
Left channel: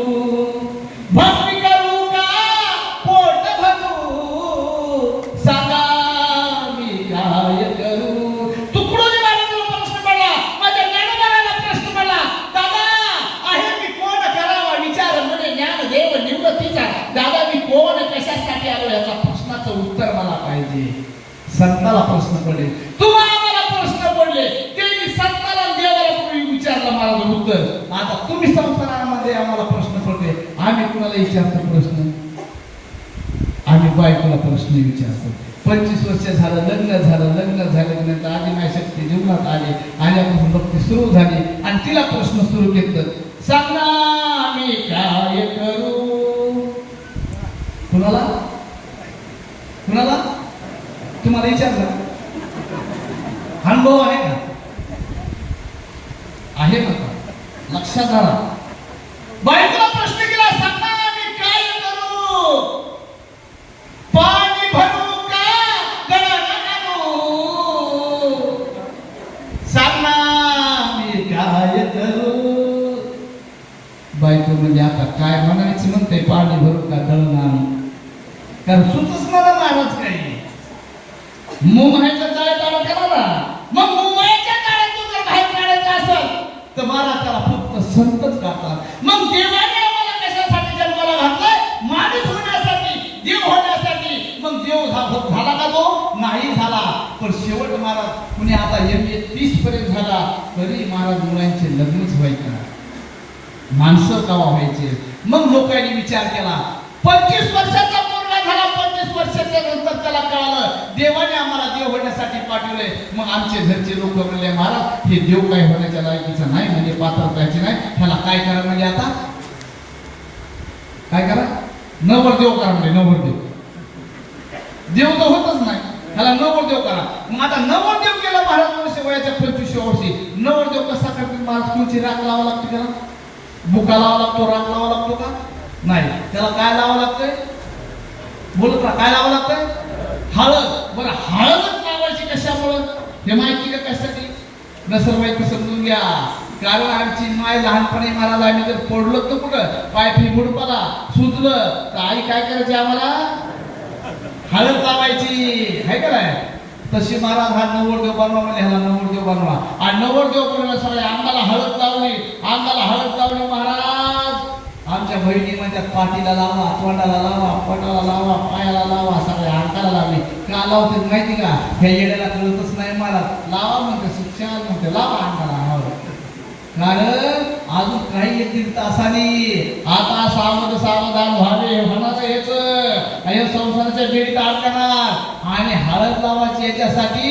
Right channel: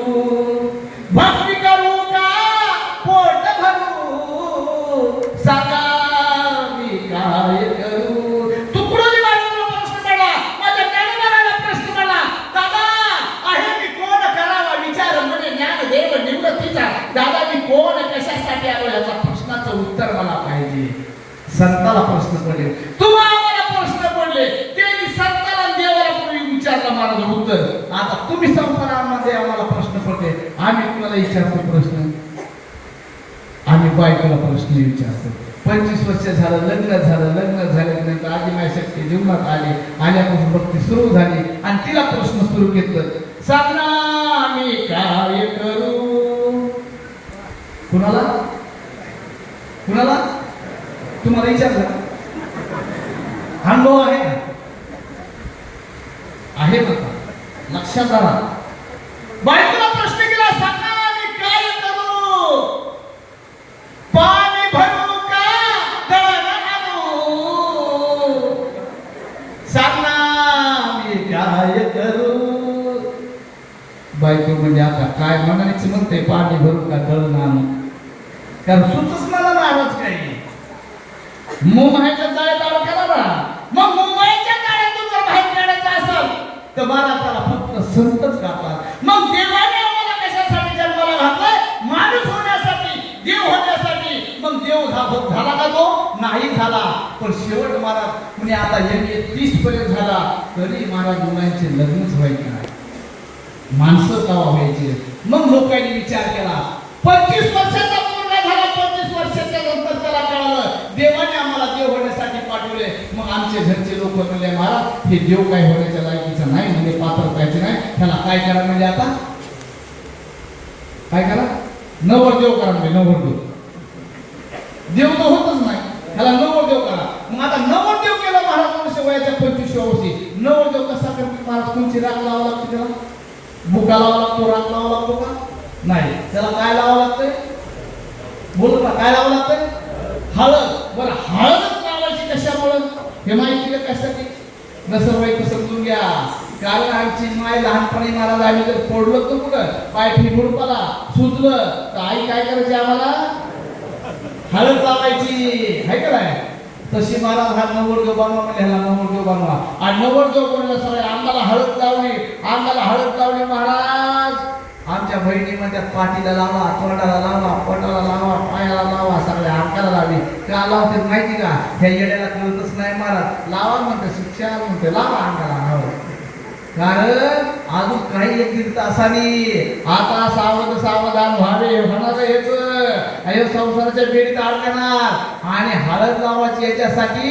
भक्ती करू का पोट भरू, सांगा मी काय करू. तुकडोजी महाराजांना प्रश्न पडला, माझ्या ज्ञानोबाला प्रश्न पडला, दादा आहे मी कोण करावा विचार म्हणे ज्ञानदेव निर्गतीचा. दादा मी कोण कशासाठी आलो याचा प्रश्नाचं उत्तर मला पाहिजे. संताला प्रश्न पडले, तुम्हाला प्रश्न पडले, त्यांनी संताला देवाला पूर्वी विचारला महाराज उत्तर. आता तुम्ही संसारामध्ये आम्हाला प्रश्न पडले, आम्ही कुणाला विचारतो प्रश्न? आम्ही बायकोला प्रश्न विचारतो. 25 वर्ष झालं, लग्न झाल्यानंतर आधी माझी शक्ती जीवनात आली, आल्यापासून भक्ती सुरू झाली आणि तिला प्रश्न सुरू केलं, सांग ना मी काय करू. कुणाला तुम्हाला विचारलं? अनुभव आहे का? आहे का? लक्षात आला? बायकोला प्रश्न केला, सांग ना मी काय करू, पाणी भरू का दळण आणू, सांग ना मी काय करू. बायको म्हणजे आता काय म्हणायचं म्हणते, पाणी भरू का दळण आणू, कारण सुचच मला नाराज काही मुंबईच्या जाळ्यात अडकला ना. मग मुंबईच्या जाळ्यात तू जर बाहेर काढायचं असेल तर मला त्याला फक्त संतच करतात. मग देवाने आम्हाला कशासाठी जन्माला घातलाय? माणूस होण्यासाठी, देव होण्यासाठी. मग देव झाला का तो? नाही झाला. पण शेवट महाराज कुणी आता MA 30 पर्यंत झाला तरी महाराज मुलांचे लग्नच व्हायचे ना, माणसं कवा व्हायचे. मग लोकांनी विचार केला, 25 वर्षाचा पूर्ण झाला, 25 वर्षाच्या नंतर त्याला कळालं देवाने आम्हाला देव होण्यासाठी पाठवले. मग आमचे घरचे लोक म्हणले, महाराज हे देव काय होण्याच्या लायकीचं नाही, म्हणजे पात्रत्वाचे नाही, त्याला काय करा म्हणजे आता काय करा, नवरदेव करा म्हणजे नवरदेव. देव तर होतच नाही, त्याला नवरदेव करा. मग आता नवरदेव केला महाराज वर्ष वयाच्या 25व्या वर्षी. नवरदेव कसा करतील महाराज? कोणची राख लावा लागते त्याला? बुका लावा लागतो, राख लावा लागतो का? नाही. त्याला काय लावा लागतंय? बोलत ना, काय लावा लागतंय? हळद. बरं हळदच लावायची कशामुळं हे माहिती का? कशासाठी? नसरबाई समजून घ्या. कारण आमची माय लहानपणी महाराज आम्ही जर पडलो तर कुठं पाय फिरफुड पडा सुजलं तर आई काय करायची आम्हाला? हळद लावायची आहे का नाही? तशी महाराज हा नवरदेव बनवा म्हणजे ह्याला नवरदेव बनवा. आणि नवरदेव बनवलं सवय अंगाला हळद लावली महाराज. आमच्या बहिणी म्हणतात पाठीला लावा, तोंडाला लावा, पोटाला लावा, पायाला लावा, सगळ्या अंगाला लावी. का लावते माहिती का? ह्या येड्याला कळतच नाही महाराज. लावा म्हणते, शिक्षा म्हणते, लावा अंगाला. कारण अजून काही 1-1.5 तासांनी आता सावधान व्हावे. होणार हेच संसाराच्या बेडीत अडकणार आणि हळद लावायची याच्यासाठी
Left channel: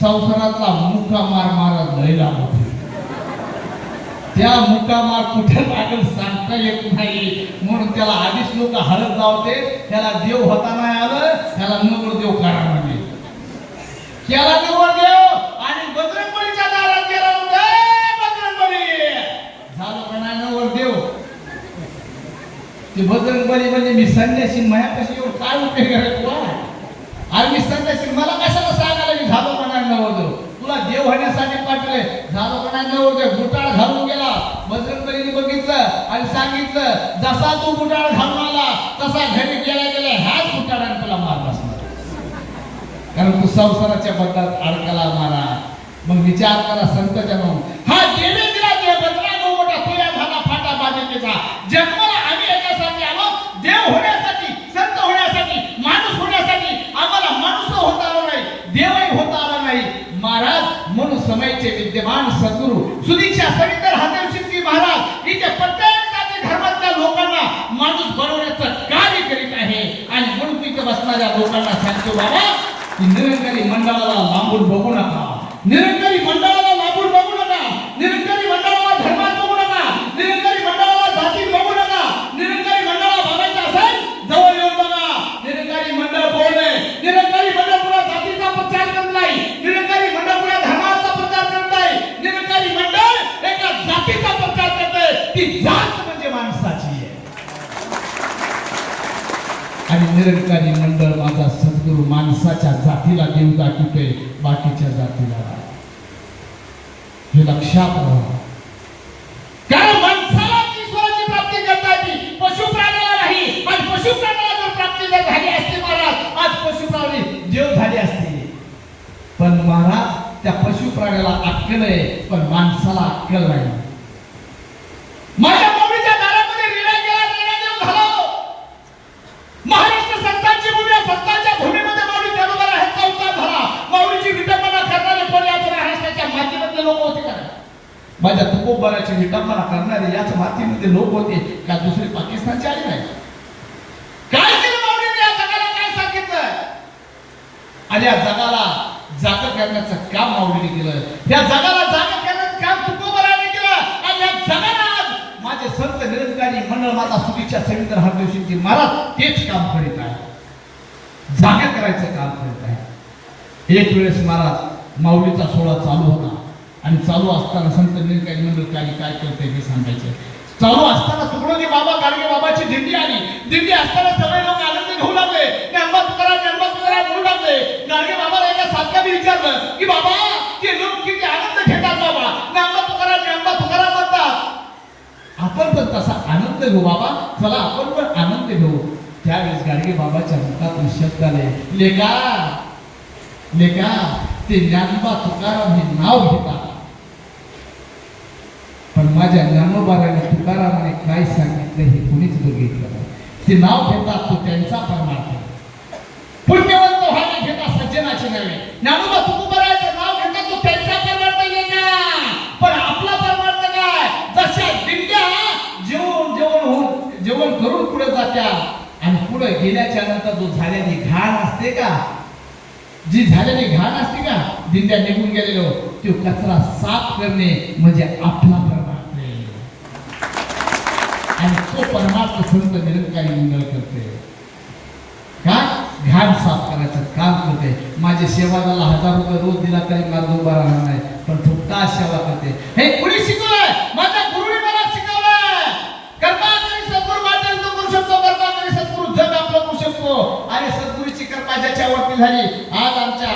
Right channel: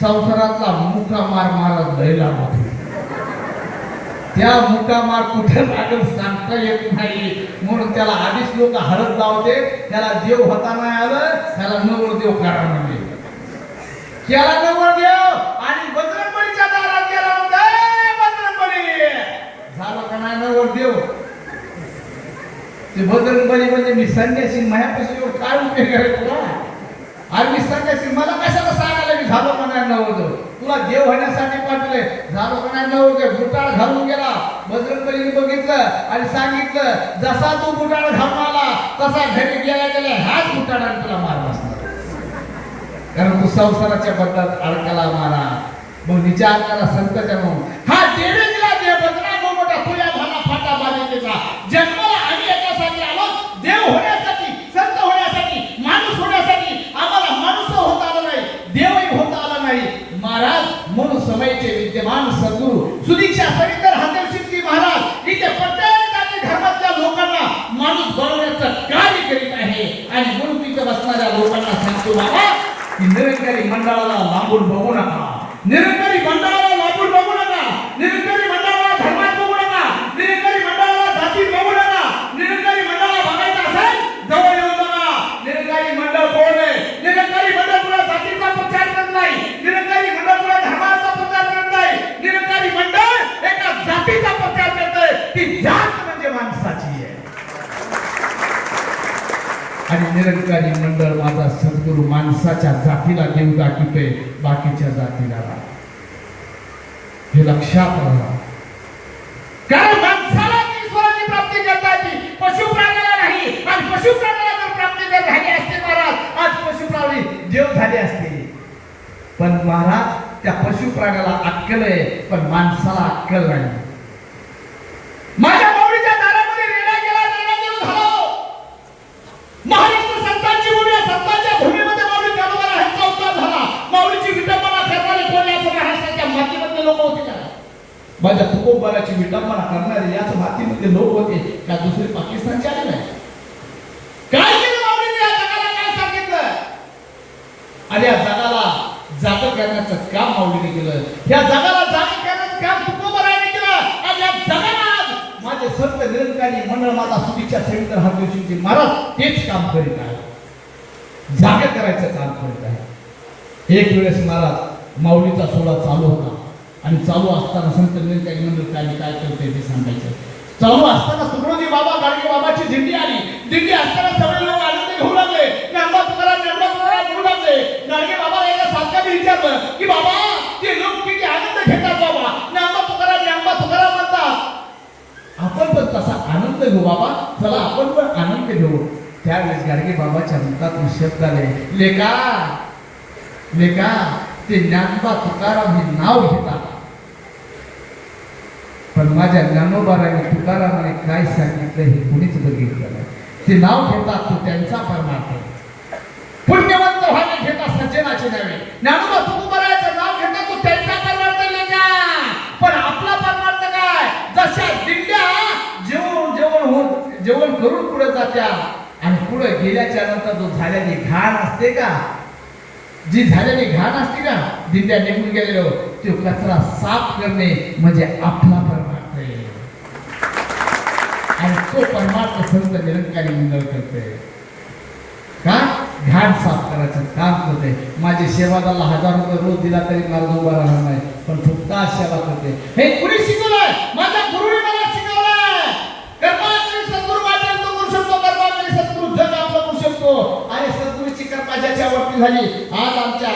संसारातला मुका मार महाराज लय लागतो. त्या मुकामार कुठं लागल सांगता येत नाही, म्हणून त्याला आधीच लोक हरत जावते. त्याला देव होता नाही आलं, त्याला नवरदेव करा म्हणजे त्याला नवरदेव. आणि बजरंगबलीच्या दारात गेला म्हणते बजरंगबली झालं का नाही नवरदेव. ते बजरंगबली म्हणजे मी संन्यासी, मायापाशी एवढं काय उपयोग आहे तुला. अरे मी संन्यासी, मला कशाला सांगायला मी झालो का नाही नवरदेव. तुला देव होण्यासाठी पाठवले, झालं का नाही नवरदेव. बुटाळ घालून गेला. बजरंगबलीने बघितलं आणि सांगितलं, जसा तू बुटाळ घालून आला तसा घरी गेल्या गेल्या ह्याच बुटाळाने तुला मार बसणार, कारण तू संसाराच्या बदलात अडकाला मारा. मग विचार करा संतांच्या म्हणून हा देवे दिला देव बजरा मोठा तुया झाला फाटा बाधिकेचा. जन्माला आम्ही याच्यासाठी आलो, देव होण्यासाठी, संत होण्यासाठी, माणूस होण्यासाठी. आम्हाला माणूस होता आला नाही, देवही होता आला नाही. महाराज म्हणून समयचे विद्यमान सद्गुरू सुदीक्षा सरिंदर हातेर शिंदे महाराज इथे प्रत्येक जाती धर्मातल्या लोकांना माणूस बनवण्याचं कार्य करीत आहे. आणि म्हणून तिथे बसणाऱ्या लोकांना सांगतो बाबा की निरंकारी मंडळाला लांबून बघू नका, निरंकारी मंडळाला लांबून बघू नका, निरंकारी मंडळाला धर्मात बघू नका, निरंकारी मंडळाला जातीत बघू नका. निरंकारी मंडळाला बघायचं असेल जवळ येऊन बघा. निरंकारी मंडळ बोलले, निरंकारी मंडळ पुढे जातीचा प्रचार करत नाही, निरंकारी मंडळ पुढे धर्माचा प्रचार करत नाही. निरंकारी मंडळ एका जातीचा प्रचार करतोय, ती जात म्हणजे माणसाची आहे. आणि निरंकारी मंडळ माझा सद्गुरू माणसाच्या जातीला देव दाखवतोय, बाकीच्या जातीला हे लक्षात राहा. काय माणसाला ईश्वराची प्राप्ती करता येते, पशु प्राण्याला नाही. आणि पशु प्राण्याला जर प्राप्ती जर झाली असती महाराज, आज पशु प्राणी देव झाले असते. पण महाराज त्या पशु प्राण्याला अक्कल आहे, पण माणसाला अक्कल नाही. माझ्या माऊलीच्या दारामध्ये रेडा गेला, रेडा गेला झालो. महाराष्ट्र संतांची भूमी, संतांच्या भूमीमध्ये माऊली ज्ञानोबा ह्यांचा उद्धार झाला. माऊलीची विटंबना करणारे कोणी आज महाराष्ट्राच्या मातीमधले लोक होते का? माझ्या तुकोबाराची विटंबना करणारे याच मातीमध्ये लोक होते का दुसरे पाकिस्तानचे आले नाही? काय केलं माऊलीने या जगाला, काय सांगितलं? आणि या जगाला जाग करण्याचं काम माऊलीने केलं. या जगाला जाग करण्याचं काम तुकोबाराने केलं. आणि या जगाला आज माझे संत निरंकारी मंडळ माझा सुदीक्षा सरिंदर हातेर शिंदे महाराज तेच काम करीत आहे, जागा करायचं काम करत आहे. एक वेळेस महाराज माऊलीचा सोहळा चालू होता आणि चालू असताना संत निरंकारी मंडळ काय करते ते सांगायचं. चालू असताना तुकडोजी बाबा गाडगे बाबाची दिंडी आली. दिंडी असताना सगळे लोक आनंद घेऊ लागले, ज्ञानोबा तुकाराम म्हणू लागले. गाडगे बाबाला एका साधकाने विचारलं की बाबा ते लोक किती आनंद घेतात बाबा, ज्ञानोबा तुकाराम म्हणतात. आपण पण तसा आनंद घेऊ बाबा, चला आपण पण आनंद घेऊ. त्यावेळेस गाडगे बाबाच्या मुखातून शब्द आले, लेका लेका ते ज्ञानोबा तुकाराम हे नाव घेतात, पण माझ्या ज्ञानोबाराने तुकारामाने काय सांगितलं हे कुणीच बघितलं नाही. ते नाव घेतात तो त्यांचा परमार्थ, पुण्यवंत व्हावे घेता सज्जनाची नव्हे. ज्ञानोबा तुकोबाराचं नाव घेता तो त्यांचा परमार्थ लेका, पण आपला परमार्थ काय? जशा दिंड्या जेवण करून पुढे जात्या आणि पुढे गेल्याच्या नंतर जो झाल्याने घाण असते का, जी झालेली घाण असते का, दिंड्या निघून गेलेलो तो कचरा साफ करणे म्हणजे आपला परमार्थ आहे. आणि तो परमार्थ संत निरंकारी मंडळ करते का, घाण साफ करायचं काम करते. माझे सेवादाला 1000 रुपये रोज दिला तरी मला उभा राहणार नाही, पण फुकटा सेवा करते. हे कुणी शिकवलंय? माझ्या गुरुने मला शिकवलंय. कर्मा करी सद्गुरू वाटेल तो करू शकतो, कर्मा करी सद्गुरू जग आपलं करू शकतो. आणि सद्गुरूची कृपा ज्याच्यावरती झाली, आज आमच्या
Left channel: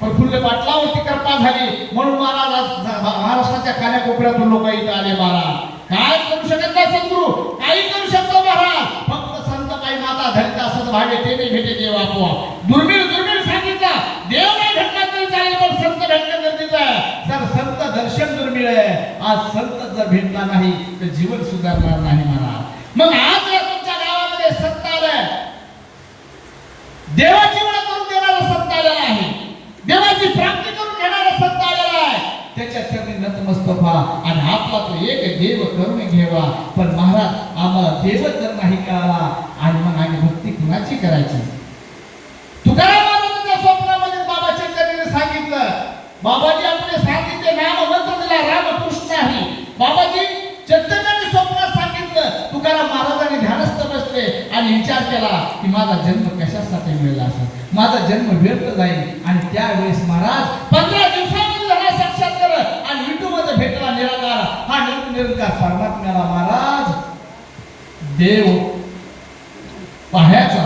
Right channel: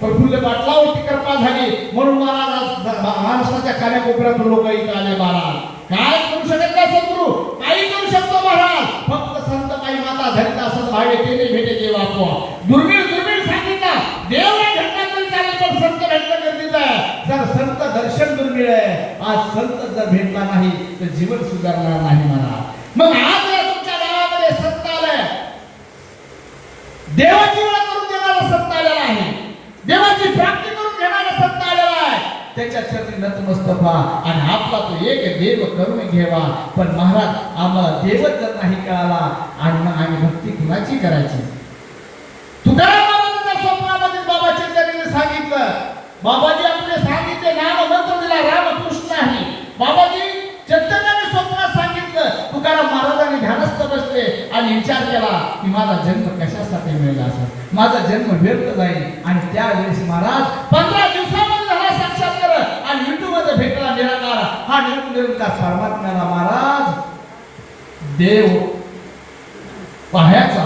प्रफुल्ल पाटलावरती कृपा झाली, म्हणून महाराज महाराष्ट्राच्या कानाकोपऱ्यातून लोक इथे आले. महाराज काय करू शकत नाही सद्गुरू, काही करू शकतो महाराज, फक्त संत काही माता धरित असत भावे ते नाही भेटे देव आपोआ. दुर्मिळ सांगितलं, देव नाही भेटणार तरी चालेल, पण संत भेटणं गरजेचं आहे. जर संत दर्शन दुर्मिळ आहे, आज संत जर भेटला नाही तर जीवन सुधारणार नाही महाराज. मग आज या तुमच्या गावामध्ये संत आलाय, देवाची ओळख करून देणारा संत आलेला आहे, देवाची प्राप्ती करून घेणारा संत आलेला आहे. त्याच्या चरणी नतमस्तक व्हा आणि आपला तो एक देव करून घ्यावा. पण महाराज आम्हाला देवच जर नाही कळाला आणि मग आम्ही भक्ती कुणाची करायची? तुकाराम महाराजांच्या स्वप्नामध्ये बाबाची चरणी सांगितलं, बाबाजी आपले सांगितले नाम मंत्र दिला रामकृष्ण आहे. बाबाजी स्वप्नात सांगितलं. तुकाराम महाराजांनी ध्यानस्थ बसले आणि विचार केला की माझा जन्म कशासाठी मिळाला असेल, माझा जन्म व्यर्थ जाईल. आणि त्यावेळेस महाराज 15 दिवसामध्ये झाला साक्षात्कार आणि विठूमध्ये भेटला निराकार हा निरंकार परमात्म्याला महाराज देव पाहायचा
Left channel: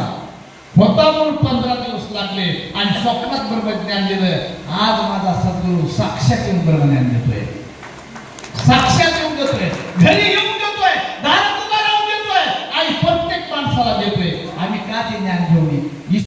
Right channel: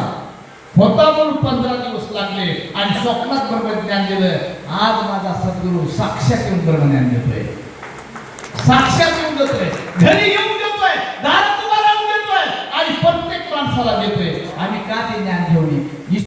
होता म्हणून 15 दिवस लागले आणि स्वप्नात ब्रह्मज्ञान दिलं. आज माझा सद्गुरू साक्षात येऊन ब्रह्मज्ञान देतोय, साक्षात येऊन देतोय. घरी